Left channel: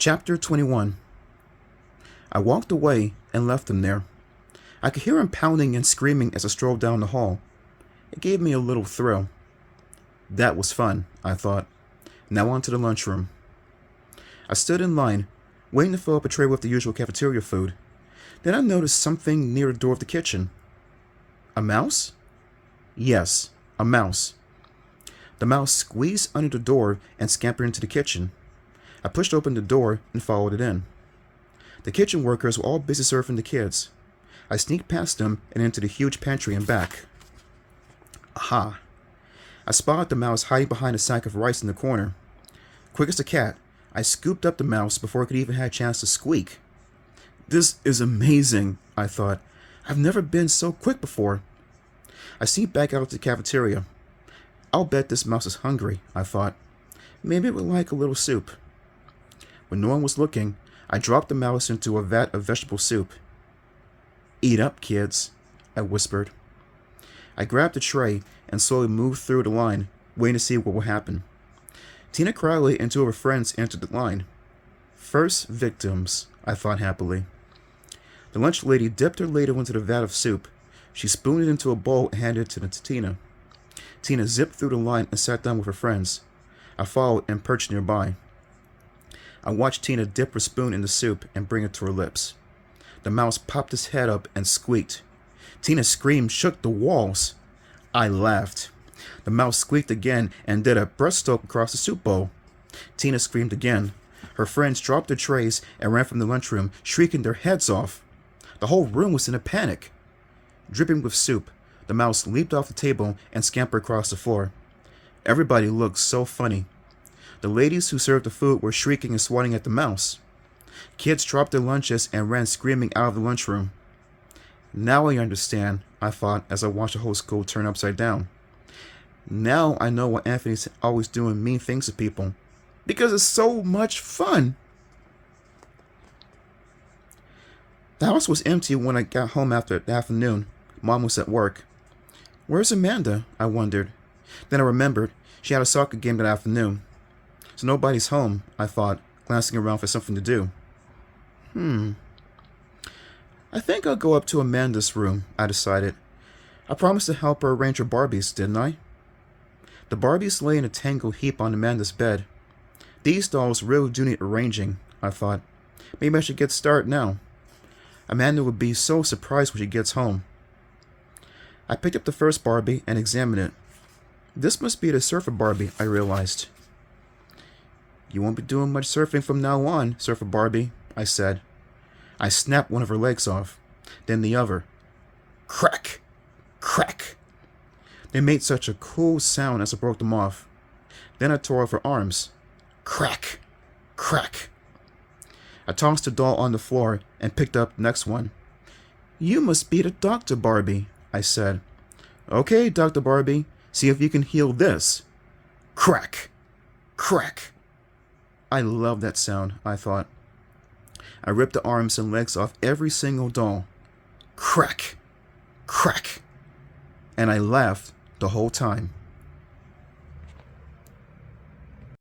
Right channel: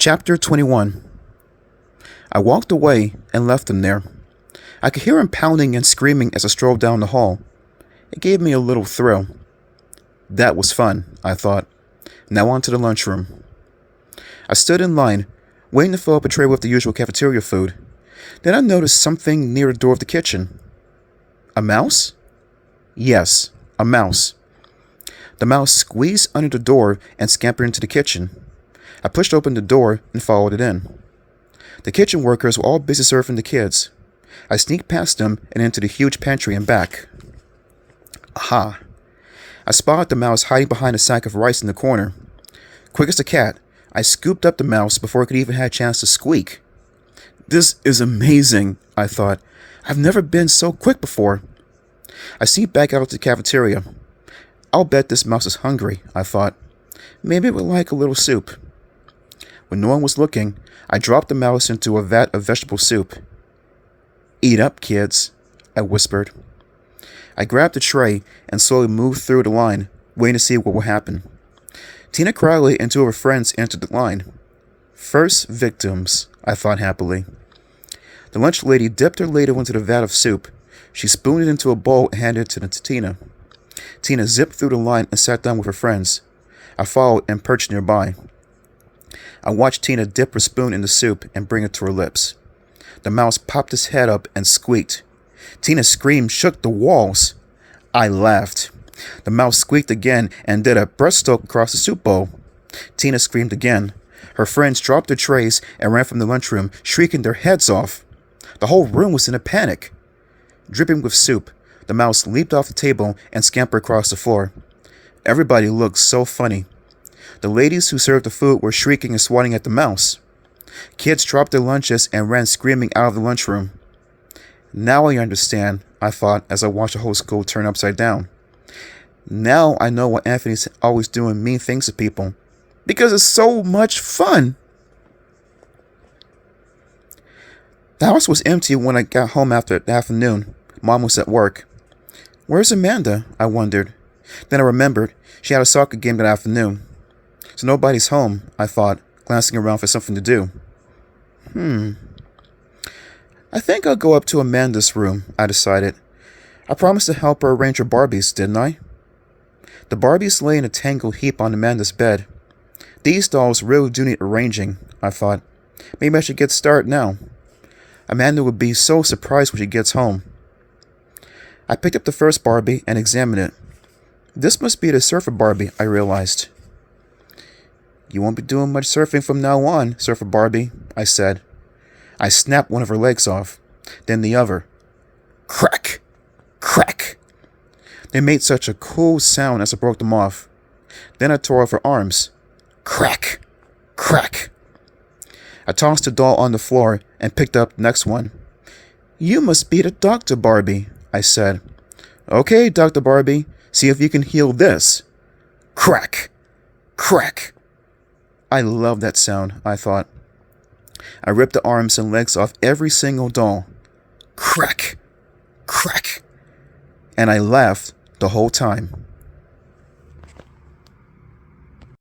Chapter 21. I walked away and left him there. I could hear him pounding and screaming as I strolled down the hall. It gave me a little thrill. That was fun, I thought. Now on to the lunchroom. I stood in line, waiting to fill up a tray with the usual cafeteria food. Then I noticed something near the door of the kitchen. A mouse? Yes, a mouse. The mouse squeezed under the door and scampered into the kitchen. I pushed open the door and followed it in. The kitchen workers were all busy serving the kids. I sneaked past them and into the huge pantry and back. Aha! I spotted the mouse hiding behind a sack of rice in the corner. Quick as a cat, I scooped up the mouse before it could even have a chance to squeak. This is amazing, I thought. I've never been so quick before. I sneaked back out to the cafeteria. I'll bet this mouse is hungry, I thought. Maybe it would like a little soup. When no one was looking, I dropped the mouse into a vat of vegetable soup. Eat up, kids, I whispered. I grabbed the tray and slowly moved through the line, waiting to see what would happen. Tina Crowley and two of her friends entered the line. First victims, I thought happily. The lunch lady dipped her ladle into the vat of soup. She spooned it into a bowl and handed it to Tina. Tina zipped through the line and sat down with her friends. I followed and perched nearby. I watched Tina dip her spoon in the soup and bring it to her lips. The mouse popped his head up and squeaked. Tina's scream shook the walls. I laughed. The mouse squeaked again and did a breaststroke across the soup bowl. Tina screamed again. Her friends dropped their trays and ran from the lunchroom, shrieking their heads off. The whole room was in a panic. Dripping with soup, the mouse leaped off the table and scampered across the floor. Everybody looked so funny. The ladies who served the food were shrieking and swatting at the mouse. Kids dropped their lunches and ran screaming out of the lunchroom. Now I understand, I thought as I watched the whole school turn upside down. Now I know why Anthony's always doing mean things to people. Because it's so much fun. The house was empty when I got home after the afternoon. Mom was at work. Where's Amanda? I wondered. Then I remembered she had a soccer game that afternoon. So nobody's home, I thought, glancing around for something to do. I think I'll go up to Amanda's room, I decided. I promised to help her arrange her Barbies, didn't I? The Barbies lay in a tangled heap on Amanda's bed. These dolls really do need arranging, I thought. Maybe I should get started now. Amanda would be so surprised when she gets home. I picked up the first Barbie and examined it. This must be the surfer Barbie, I realized. You won't be doing much surfing from now on, Surfer Barbie, I said. I snapped one of her legs off, then the other. Crack! Crack! They made such a cool sound as I broke them off. Then I tore off her arms. Crack! Crack! I tossed the doll on the floor and picked up the next one. You must be the Dr. Barbie, I said. Okay, Dr. Barbie, see if you can heal this. Crack! Crack! I love that sound, I thought. I ripped the arms and legs off every single doll. Crack! Crack! And I laughed the whole time.